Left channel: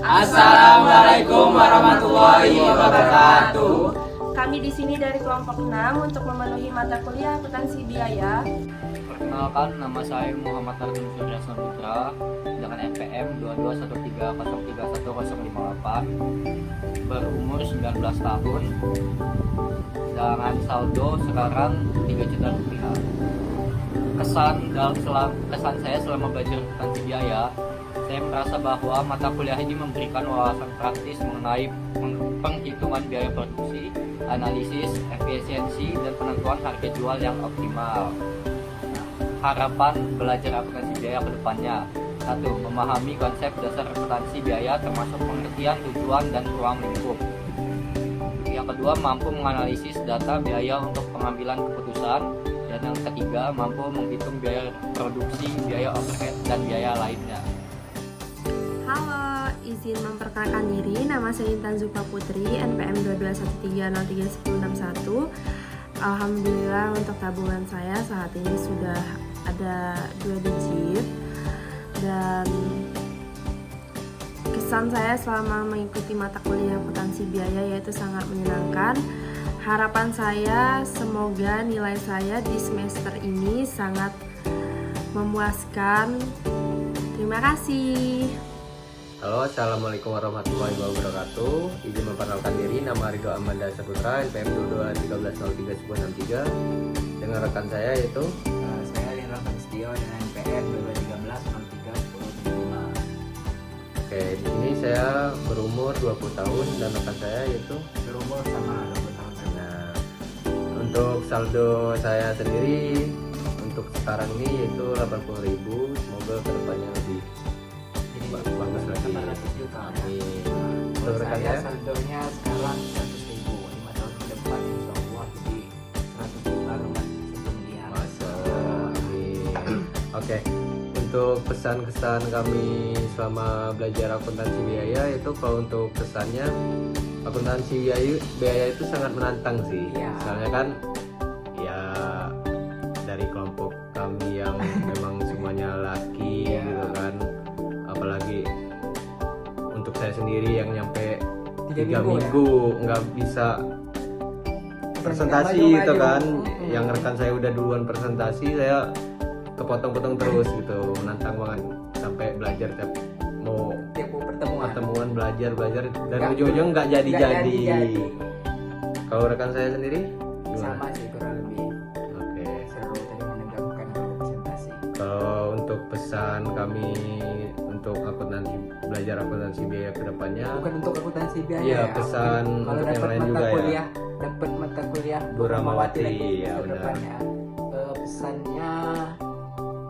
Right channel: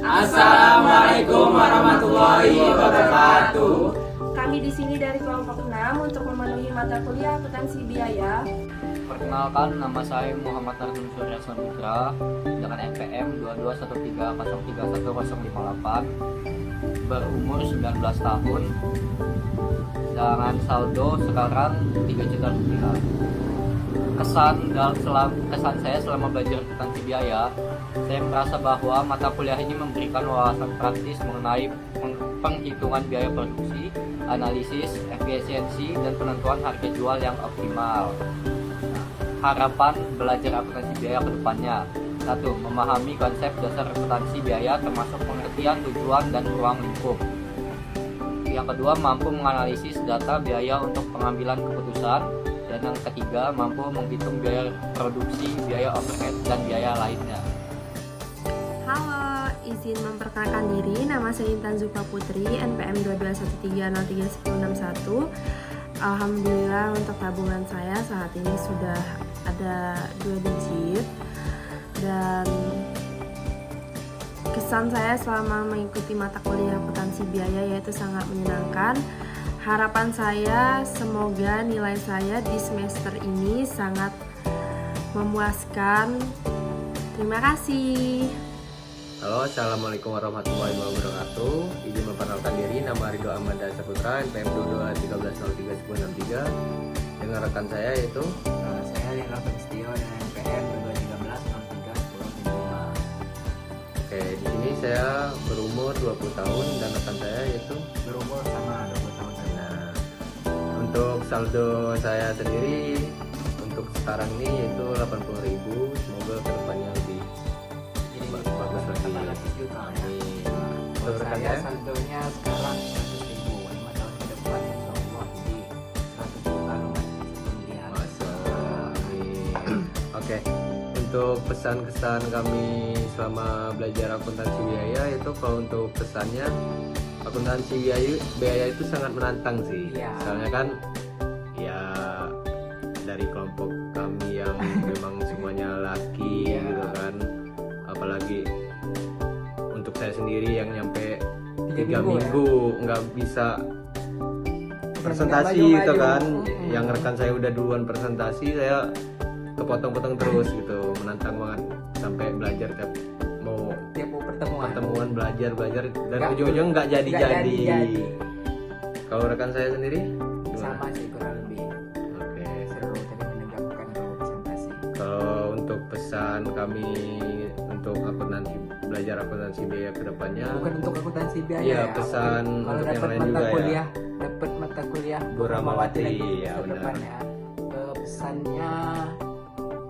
Assalamualaikum warahmatullahi wabarakatuh. Kami di sini dari kelompok 6 untuk memenuhi mata kuliah akuntansi biaya. Perkenalkan, nama saya Muhammad Arjun Surya Saputra dengan NPM 2213031058, berumur 19 tahun, dengan saldo sekarang 3 juta rupiah. Kesan saya selama belajar akuntansi biaya, saya merasa bahwa mata kuliah ini memberikan wawasan praktis mengenai penghitungan biaya produksi, analisis, efisiensi, dan penentuan harga jual yang optimal. Harapan belajar akuntansi biaya ke depannya: 1. Memahami konsep dasar akuntansi biaya termasuk pengertian tujuan dan ruang lingkup. Yang kedua, mampu menganalisis data biaya untuk pengambilan keputusan. Dan yang ketiga, mampu menghitung biaya produksi, biaya overhead, dan biaya lainnya. Halo, izin memperkenalkan diri. Nama saya Intan Zulfa Putri, NPM 2213031061. Alhamdulillah untuk tabungan saya saat ini sudah ada 2 digit. Dan kesan saya selama mengikuti mata kuliah akuntansi biaya yaitu sangat menyenangkan. Harapan saya semoga nilai saya di semester ini sangat memuaskan. Terima kasih. Halo, assalamualaikum warahmatullahi wabarakatuh. Izin memperkenalkan diri, nama Ridho Ahmad Saputra, NPM 2213031063. Dengan rekan saya yaitu Saya Yanra Stio dengan NPM 22131075. Oke, di sini saya berumur 20 tahun dan rekan saya yaitu Berumur sama 20 tahun. Nah, untuk saldo saya sendiri untuk sekarang ini yaitu 80.000. Semoga kedepannya lebih bagus lagi. 800 juta. Amin. Untuk Untuk rekan saya saya saldonya sekarang 100.000. 5 tahun ke depan insyaallah di 100 juta rumah kemudian. Masya Allah, amin. Oke, untuk pesan-kesan kami selama belajar akuntansi biaya itu, kalau untuk pesannya, akuntansi biaya itu sangat menantang sih. Ya. Soalnya kan ya dari kelompok kami yang memang semuanya laki Ya. gitu kan, apalagi untuk saya sendiri yang nyampe 3 minggu, minggu nggak bisa presentasi Maju-maju. gitu kan. Yang rekan saya udah duluan presentasi, saya kepotong-potong terus gitu. Menantang banget sampai belajar tiap mau Tiap pertemuan belajar dan Nggak- ujung-ujung nggak nggak jadi. jadi. Kalau rekan saya sendiri gimana? Sama sih kurang lebih Oke. seru tadi menegakkan kalau presentasi. Kalau untuk pesan kami untuk belajar akuntansi biaya kedepannya, Bukan untuk akuntansi biaya. iya, pesan Kalau untuk yang dapat lain mata juga ya. kuliah, dapat mata kuliah Bu Ramawati, lagi ya, ke benar. depannya. Pesannya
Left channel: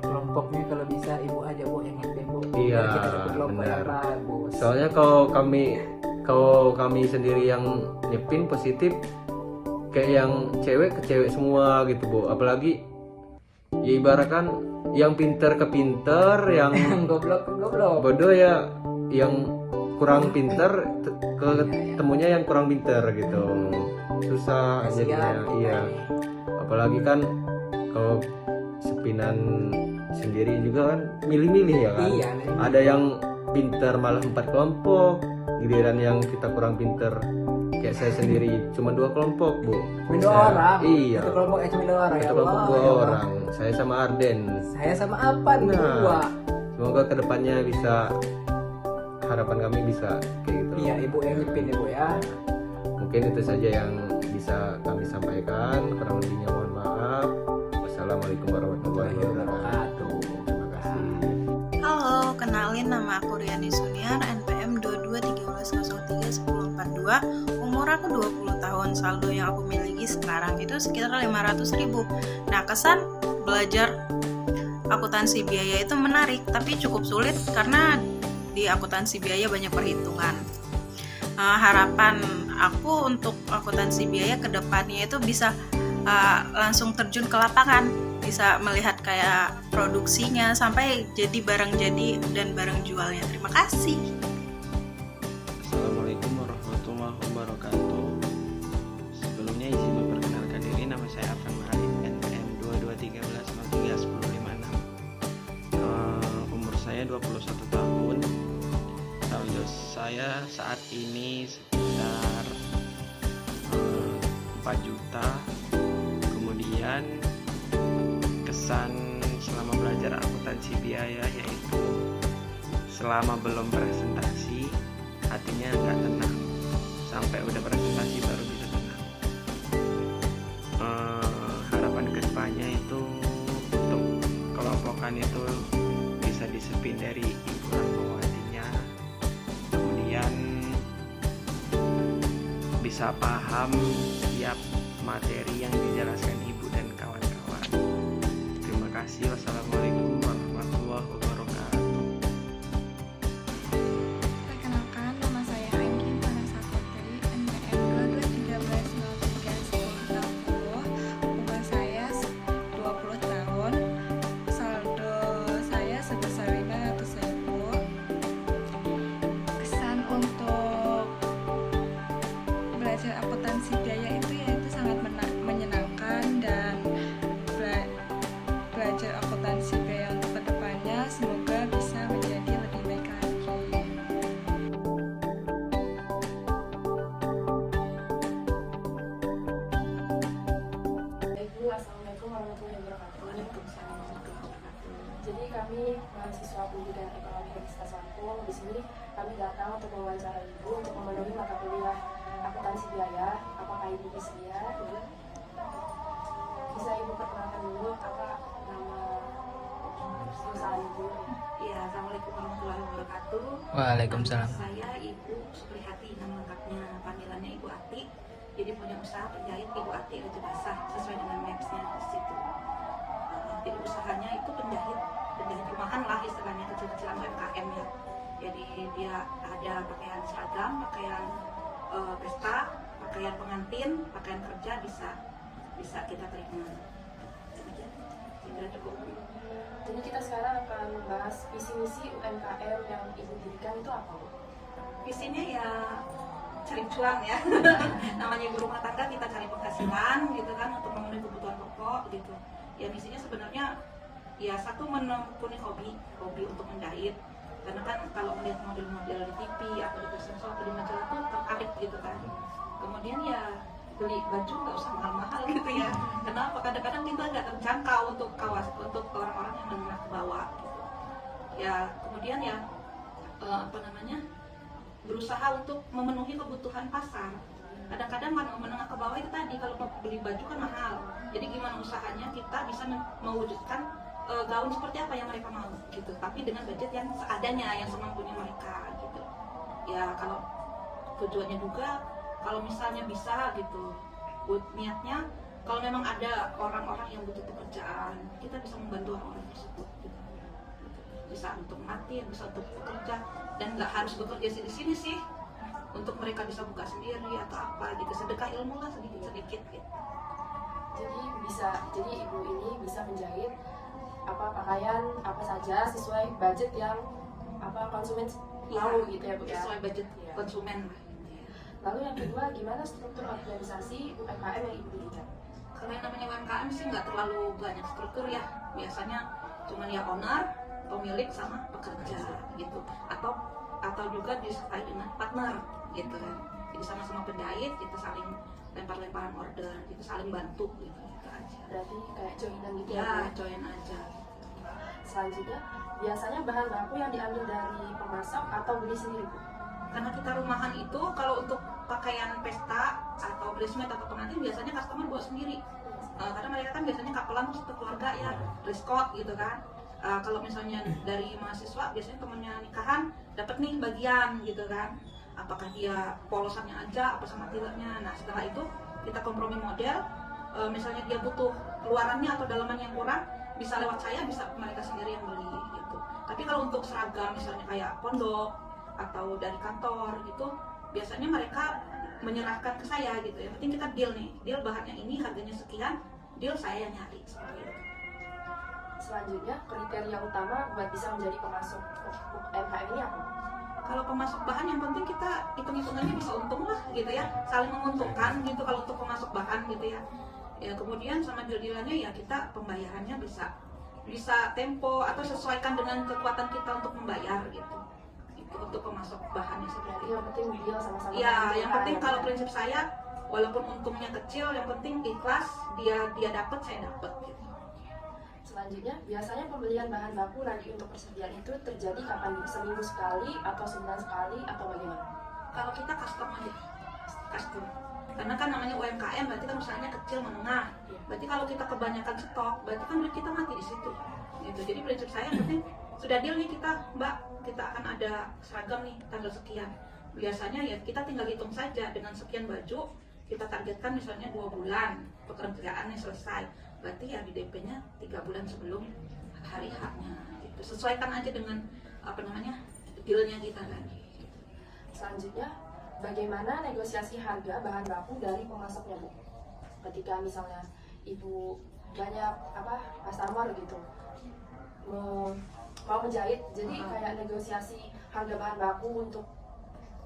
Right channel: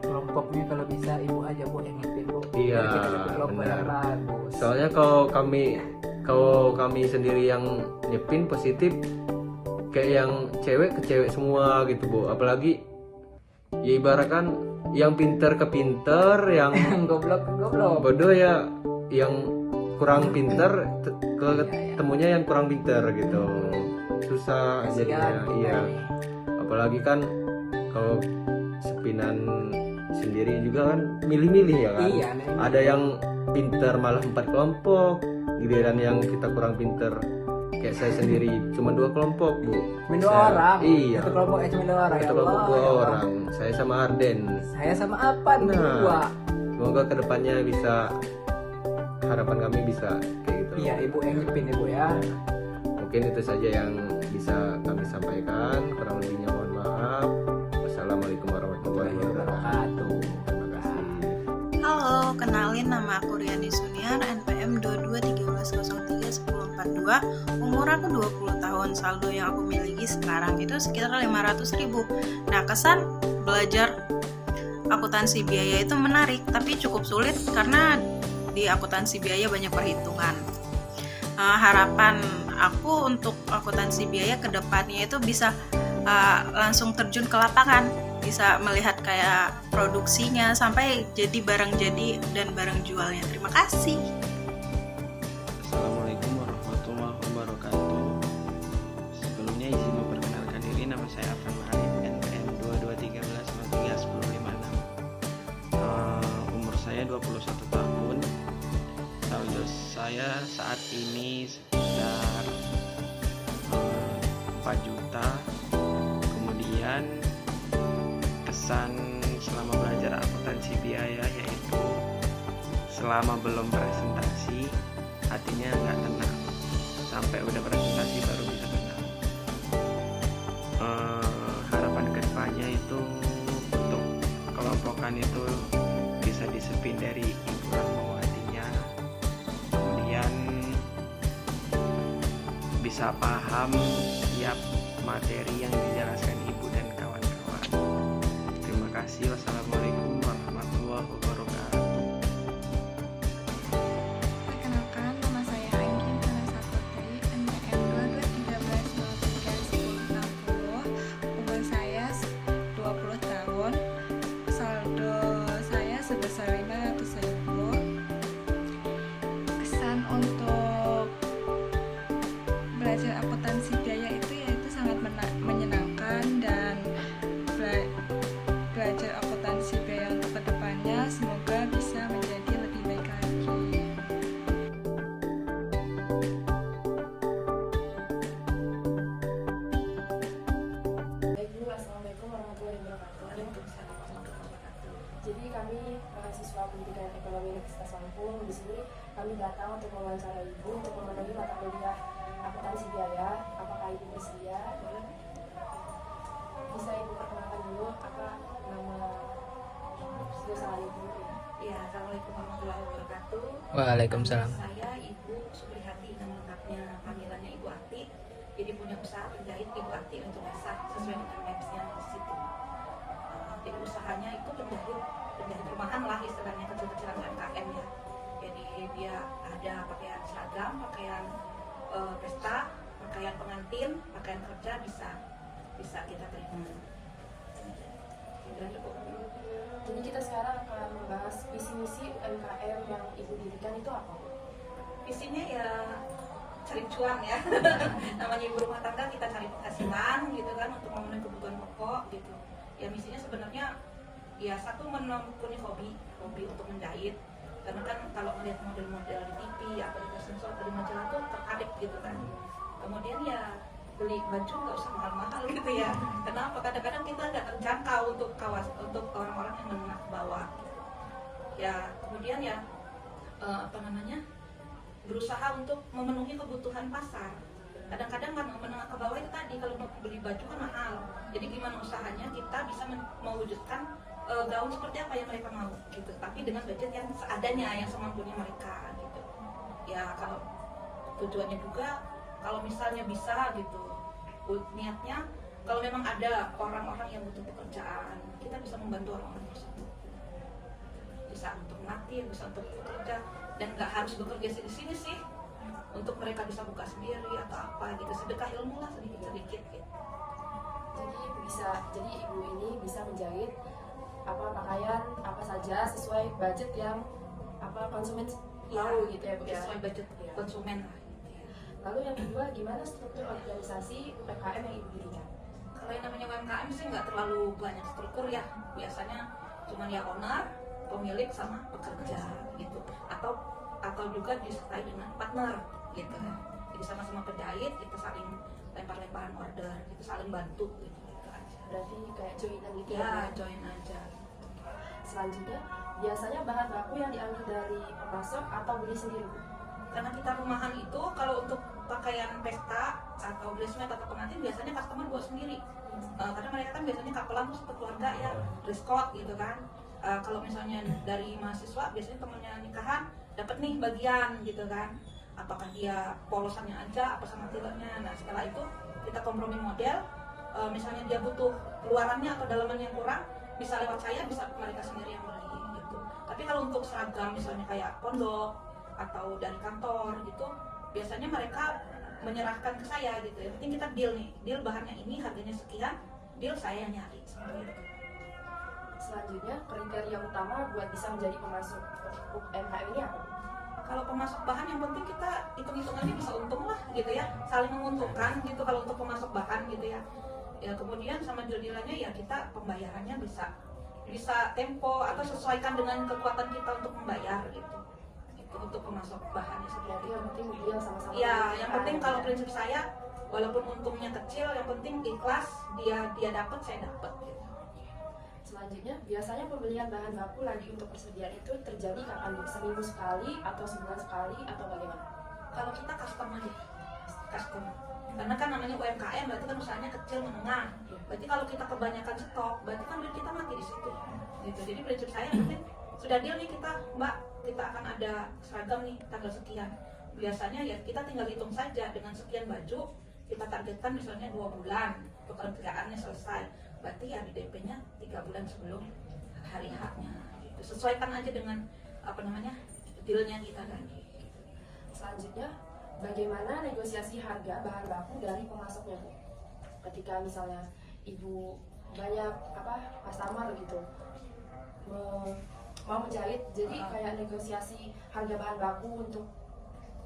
kelompoknya kalau bisa ibu aja bu yang mimpin bu. Iya, Kita dapat kelompok benar. yang bagus. Soalnya kalau kami sendiri yang nyepin positif, kayak yang cewek ke cewek semua gitu bu. Apalagi ya ibaratkan yang pinter ke pinter, yang goblok ke goblok. bodoh ya yang kurang pinter ketemunya yang kurang pinter gitu. Susah Kasihan. jadinya. Iya. Apalagi kan kalau sepinan sendiri juga kan milih-milih ya kan. Iya. Ada yang pinter malah 4 kelompok, giliran yang kita kurang pinter kayak saya sendiri cuma 2 kelompok bu. Dua orang. Iya, Satu kelompok X dua orang. satu Ya kelompok Allah, 2 ya Allah. orang, saya sama Arden. Saya sama apa nih Nah. dua? Semoga kedepannya bisa, harapan kami bisa kayak gitu. Iya ibu yang mimpin ibu ya. Mungkin itu saja yang bisa kami sampaikan, kurang lebihnya mohon maaf. Wassalamualaikum warahmatullahi wabarakatuh. Terima kasih. Halo, kenalin nama aku Riani Suniar, NPM 2213031042. Umur aku 20 tahun, saldo yang aku miliki sekarang itu sekitar 500.000. Nah, kesan belajar akuntansi biaya itu menarik, tapi cukup sulit karena di akuntansi biaya banyak perhitungan. Harapan aku untuk akuntansi biaya ke depannya itu bisa langsung terjun ke lapangan, bisa melihat kayak produksinya sampai jadi barang jadi dan barang jualnya. Terima kasih. Assalamualaikum warahmatullahi wabarakatuh. Sebelumnya izin memperkenalkan diri, nama saya Afan Ma'arif, NPM 2213031056. Umur saya 21 tahun. Saldo saya saat ini sekitar 4 juta. Kemudian kesan selama belajar akuntansi biaya yaitu selama belum presentasi hatinya nggak tenang, sampai udah presentasi baru bisa tenang. Harapan kedepannya itu untuk kelompokan itu bisa disepin dari Ibu Rahmawatinya, kemudian bisa paham setiap materi yang dijelaskan Ibu dan kawan-kawan. Terima kasih. Wassalamualaikum warahmatullahi wabarakatuh. Perkenalkan, nama saya Anggi Vanessa Putri, NPM 2213931060. Umur saya 20 tahun. Saldo saya sebesar 500.000. Kesan untuk belajar akuntansi biaya itu yaitu sangat menyenangkan, dan belajar akuntansi biaya untuk kedepannya semoga bisa menjadi lebih baik lagi. Baik dulu, Assalamualaikum warahmatullahi wabarakatuh. Waalaikumsalam warahmatullahi wabarakatuh. Jadi kami mahasiswa pendidikan ekonomi Universitas Lampung. Di sini kami datang untuk mewawancara Ibu untuk memenuhi mata kuliah akuntansi biaya. Apakah Ibu bersedia? Bisa Ibu perkenalkan dulu apa nama perusahaan Ibu? Ya, Assalamualaikum warahmatullahi wabarakatuh. Waalaikumsalam. Saya Ibu Supriyati, nama lengkapnya panggilannya Ibu Ati. Jadi punya usaha penjahit Ibu Ati Raja Basah sesuai dengan mapsnya di situ. Jadi usahanya itu penjahit rumahan lah istilahnya, kecil-kecilan UMKM ya. Jadi dia ada pakaian seragam, pakaian pesta, pakaian pengantin, pakaian kerja bisa kita terima. Jadi kita sekarang akan membahas visi misi UMKM yang Ibu dirikan itu apa? Visinya ya cari cuan ya. Namanya ibu rumah tangga, kita cari penghasilan gitu kan untuk memenuhi kebutuhan pokok gitu. Ya misinya sebenarnya ya satu menekuni hobi untuk menjahit. Karena kan kalau melihat model-model di TV atau di Facebook atau di majalah tuh tertarik gitu kan. Kemudian ya beli baju nggak usah mahal-mahal gitu ya. Kenapa? Kadang-kadang kita nggak terjangkau untuk orang-orang yang menengah ke bawah. Ya kemudian ya berusaha untuk memenuhi kebutuhan pasar. Kadang-kadang menengah ke bawah itu tadi kalau mau beli baju kan mahal. Jadi gimana usahanya kita bisa mewujudkan gaun seperti apa yang mereka mau gitu. Tapi dengan budget yang seadanya, yang semampunya mereka gitu. Ya kalau tujuannya juga kalau misalnya bisa gitu, niatnya kalau memang ada orang-orang yang butuh pekerjaan, kita bisa membantu orang-orang tersebut gitu. Bisa untuk mati, bisa untuk bekerja, dan nggak harus bekerja di sini sih, untuk mereka bisa buka sendiri atau apa gitu, sedekah ilmu lah sedikit gitu. Jadi Ibu ini bisa menjahit pakaian apa saja sesuai budget yang konsumen mau gitu ya Bu ya. Sesuai budget konsumen lah. Lalu yang kedua, gimana struktur organisasi UMKM yang Ibu dirikan? Kalau yang namanya UMKM sih nggak terlalu banyak struktur ya, biasanya cuman ya owner, pemilik sama pekerja gitu, atau juga disertai dengan partner gitu ya. Jadi sama-sama penjahit, kita saling lempar-lemparan order, itu saling bantu gitu aja. Berarti kayak joinan gitu Ya, join aja. Selanjutnya, biasanya bahan baku yang diambil dari pemasok atau beli sendiri? Karena kita rumahan itu kalau untuk pakaian pesta atau bridesmaid atau pengantin biasanya customer buat sendiri. Karena mereka kan biasanya kapelan satu keluarga ya, dress code gitu kan. Kalau misalnya dari mahasiswa biasanya temennya nikahan dapat nih bagian gitu kan. Apakah dia polosannya aja apa sama tileknya. Nah setelah itu kita kompromi model. Misalnya dia butuh luarannya atau dalaman yang kurang, bisa lewat saya, bisa mereka sendiri yang beli gitu. Tapi kalau untuk seragam misalnya kayak pondok atau dari kantor gitu, biasanya mereka menyerahkan ke saya gitu ya. Penting kita deal bahannya ini harganya sekian, deal saya yang nyari seperti itu. Selanjutnya, kriteria utama buat bisa menjadi pemasok UMKM ini apa? Kalau pemasok bahan yang penting kita hitung-hitungannya bisa untung lah gitu ya, saling menguntungkan gitu kalau untuk pemasok bahan gitu ya. Ya kemudian sama deal-dealannya ya kita pembayarannya bisa tempo atau sesuaikan dengan kekuatan kita untuk membayar gitu. untuk pemasok bahannya seperti Yang penting dia sama-sama. ya, yang penting kalau prinsip saya, walaupun untungnya kecil, yang penting ikhlas, dia dapat, saya dapat gitu. Selanjutnya, biasanya pembelian bahan baku lagi untuk persediaan itu terjadi kapan? Seminggu sekali atau sebulan sekali atau bagaimana? Kalau kita custom aja, custom, karena kan namanya UMKM, berarti kan usahanya kecil menengah. Berarti kalau kita kebanyakan stok, berarti kan duit kita mati di situ gitu. Jadi prinsip saya yang penting sudah deal nih kita, Mbak, kita akan ada seragam nih tanggal sekian. Biasanya ya kita tinggal hitung saja dengan sekian baju, kita targetkan misalnya 2 bulan pekerjaannya selesai, berarti ya di DP-nya 3 bulan sebelum hari H-nya gitu. Sesuaikan aja dengan apa namanya dealnya kita kan. Selanjutnya, bagaimana negosiasi harga bahan baku dari pemasoknya, Bu? Ketika misalnya ibu banyak customer gitu mau menjahit, jadi kayak negosiasi harga bahan baku untuk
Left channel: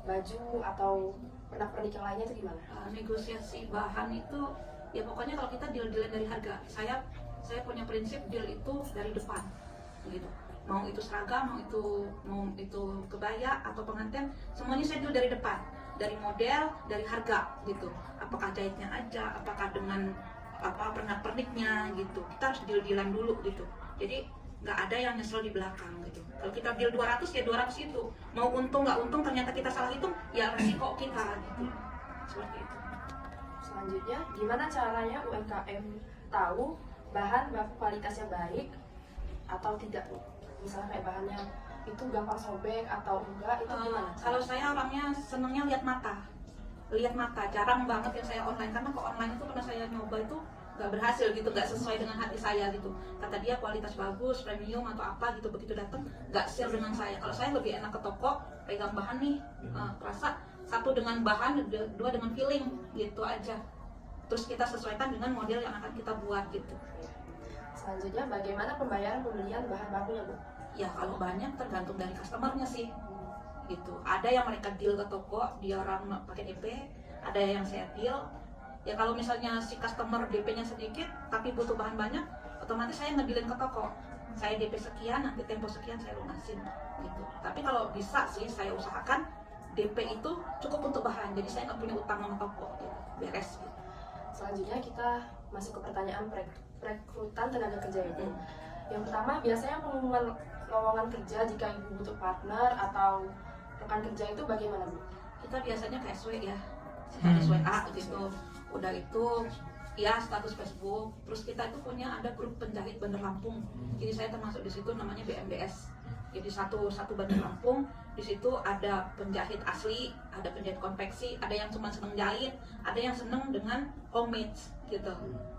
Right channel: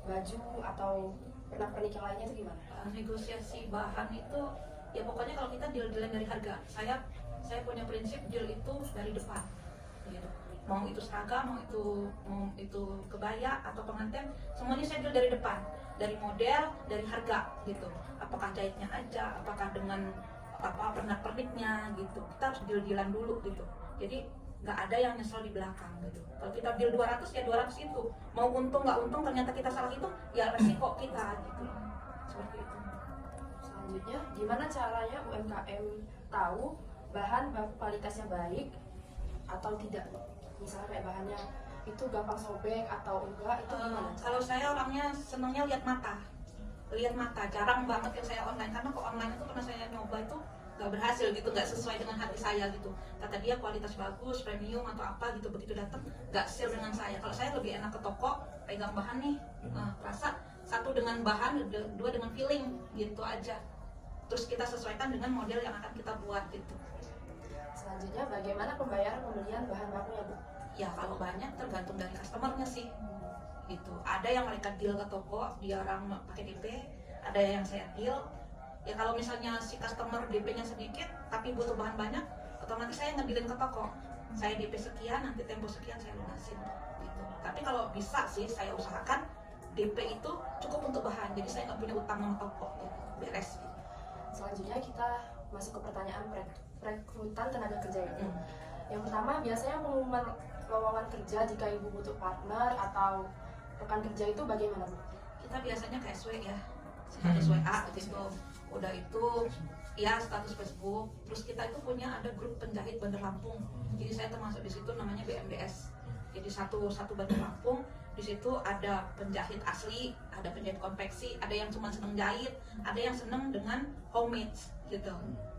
baju atau pernak-pernik yang lainnya itu gimana? Negosiasi bahan itu ya pokoknya kalau kita deal-dealan dari harga, saya punya prinsip deal itu dari depan gitu. Mau itu seragam, mau itu kebaya atau pengantin, semuanya saya deal dari depan, dari model, dari harga gitu. Apakah jahitnya aja, apakah dengan pernak-perniknya gitu. Kita harus deal-dealan dulu gitu. Jadi nggak ada yang nyesel di belakang gitu. Kalau kita deal 200 ya 200 itu. Mau untung nggak untung, ternyata kita salah hitung, ya resiko kita gitu. Seperti itu. Selanjutnya, gimana caranya UMKM tahu bahan baku kualitasnya baik atau tidak, Bu? Misalnya kayak bahannya itu gampang sobek atau enggak, itu gimana? Kalau saya orangnya senangnya lihat mata, jarang banget yang saya online, karena kok online itu pernah saya nyoba itu nggak berhasil gitu, nggak sesuai dengan hati saya gitu. Kata dia kualitas bagus, premium atau apa gitu, begitu datang nggak sale dengan saya. Kalau saya lebih enak ke toko, pegang bahan nih, rasa satu dengan bahan, dua dengan feeling gitu aja. Terus kita sesuaikan dengan model yang akan kita buat gitu. Selanjutnya, bagaimana pembayaran pembelian bahan bakunya, Bu? Ya kalau banyak tergantung dari customernya sih gitu. Ada yang mereka deal ke toko, dia orang pakai DP, ada yang saya deal. Ya kalau misalnya si customer DP-nya sedikit tapi butuh bahan banyak, otomatis saya ngedealin ke toko. Saya DP sekian, nanti tempo sekian saya lunasin gitu. Tapi kalau bisa sih saya usahakan DP itu cukup untuk bahan, jadi saya nggak punya utang sama toko gitu. Beres gitu. Selanjutnya kita masuk ke pertanyaan perekrutan tenaga kerja ini. Yang pertama, biasanya pengumuman lowongan kerja jika ibu butuh partner atau rekan kerja itu bagaimana, Bu? Kita biasanya ke SW ya, status WA gitu. Udah itu ya status Facebook. Terus kita itu punya ada grup penjahit Bandar Lampung. Jadi saya termasuk di situ, namanya BMDS. Jadi satu Bandar Lampung, di situ ada penjahit asli, ada penjahit konveksi, ada yang cuma seneng jahit, ada yang seneng dengan homemade gitu.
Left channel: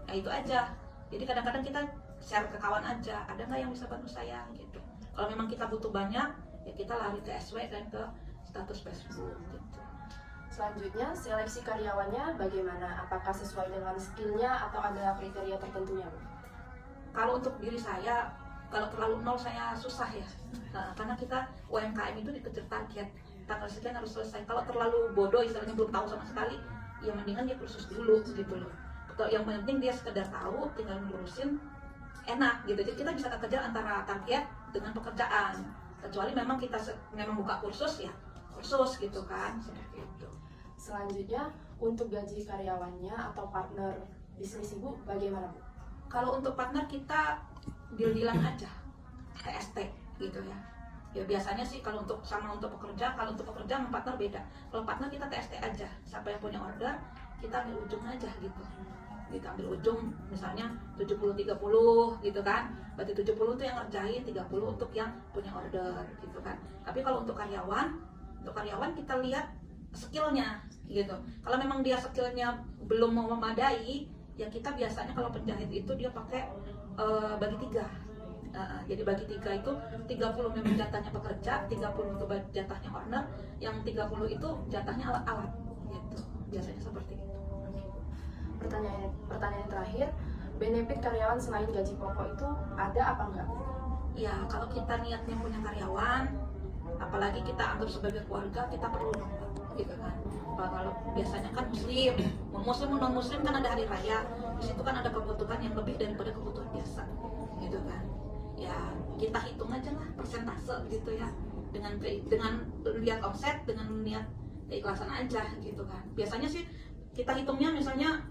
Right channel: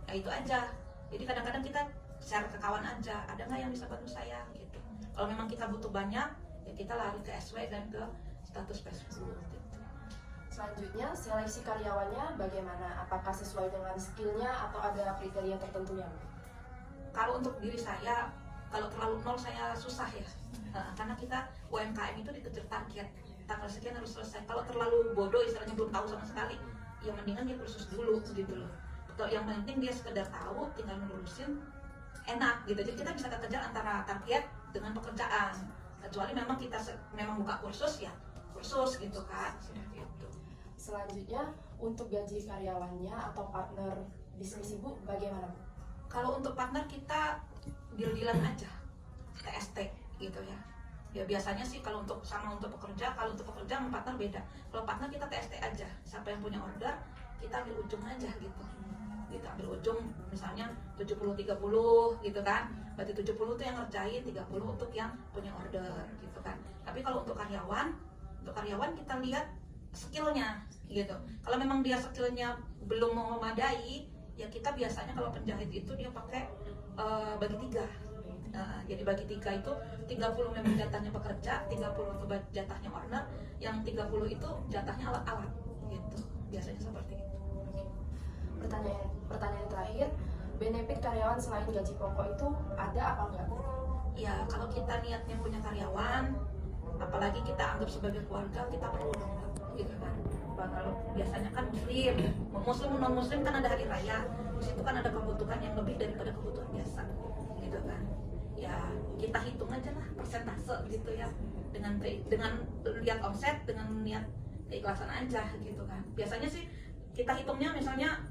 Nah itu aja. Jadi kadang-kadang kita share ke kawan aja, ada nggak yang bisa bantu saya gitu. Kalau memang kita butuh banyak, ya kita lari ke SW dan ke status Facebook gitu. Selanjutnya, seleksi karyawannya bagaimana? Apakah sesuai dengan skillnya atau ada kriteria tertentunya, Bu? Kalau untuk diri saya, kalau terlalu nol saya susah ya. Karena kita UMKM itu dikejar target, tanggal sekian harus selesai. Kalau terlalu bodoh, istilahnya belum tahu sama sekali, ya mendingan dia kursus dulu gitu loh. Yang penting dia sekedar tahu, tinggal ngurusin, enak gitu. Jadi kita bisa kejar antara target dengan pekerjaan. Kecuali memang kita memang buka kursus ya, kursus gitu kan, seperti itu. Selanjutnya, untuk gaji karyawannya atau partner bisnis ibu bagaimana, Bu? Kalau untuk partner kita deal-dealan aja, TST gitu ya. Ya biasanya sih kalau untuk pekerja, kalau untuk pekerja sama partner beda. Kalau partner kita TST aja, siapa yang punya order kita ambil ujung aja gitu. Kita ambil ujung misalnya 70-30 gitu kan. Berarti 70 itu yang ngerjain, 30 untuk yang punya order gitu kan. Tapi kalau untuk karyawan kita lihat skillnya gitu. Kalau memang dia skillnya belum mau memadai, ya kita biasanya kalau penjahit itu dia pakai bagi 3. Jadi bagi 3 itu 30 memang jatahnya pekerja, 30 untuk jatahnya owner, yang 30 itu jatahnya alat-alat gitu. Biasanya seperti itu. Pertanyaan terakhir, benefit karyawan selain gaji pokok itu ada apa enggak? Ya kalau kita niatnya punya karyawan, apalagi kita anggap sebagai keluarga, kita perlu gitu kan. Kalau biasanya kan muslim non muslim kan ada hari raya, di situ kan ada kebutuhan yang lebih daripada kebutuhan biasa gitu kan. ya kita hitung aja lah persentase gitu ya, dengan lihat omset, dengan lihat keikhlasan aja gitu kan. Biasanya sih kita hitungnya misalnya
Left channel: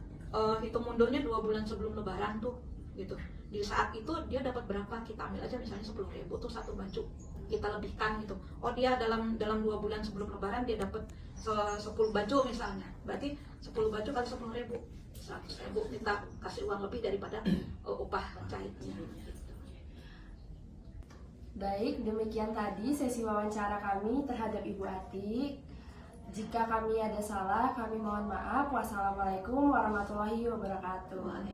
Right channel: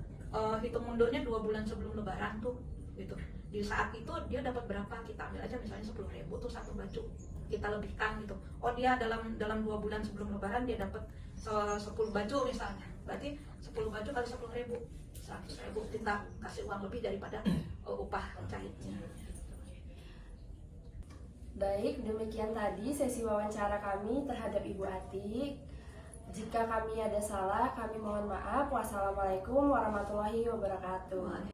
hitung mundurnya 2 bulan sebelum lebaran tuh gitu. Di saat itu dia dapat berapa, kita ambil aja misalnya 10.000 tuh satu baju, kita lebihkan gitu. Oh dia dalam 2 bulan sebelum lebaran dia dapat 10 baju misalnya, berarti 10 baju kali 10.000, 100.000 kita kasih uang lebih daripada upah jahitnya. Baik, demikian tadi sesi wawancara kami terhadap Ibu Atik. Jika kami ada salah, kami mohon maaf. Wassalamualaikum warahmatullahi wabarakatuh.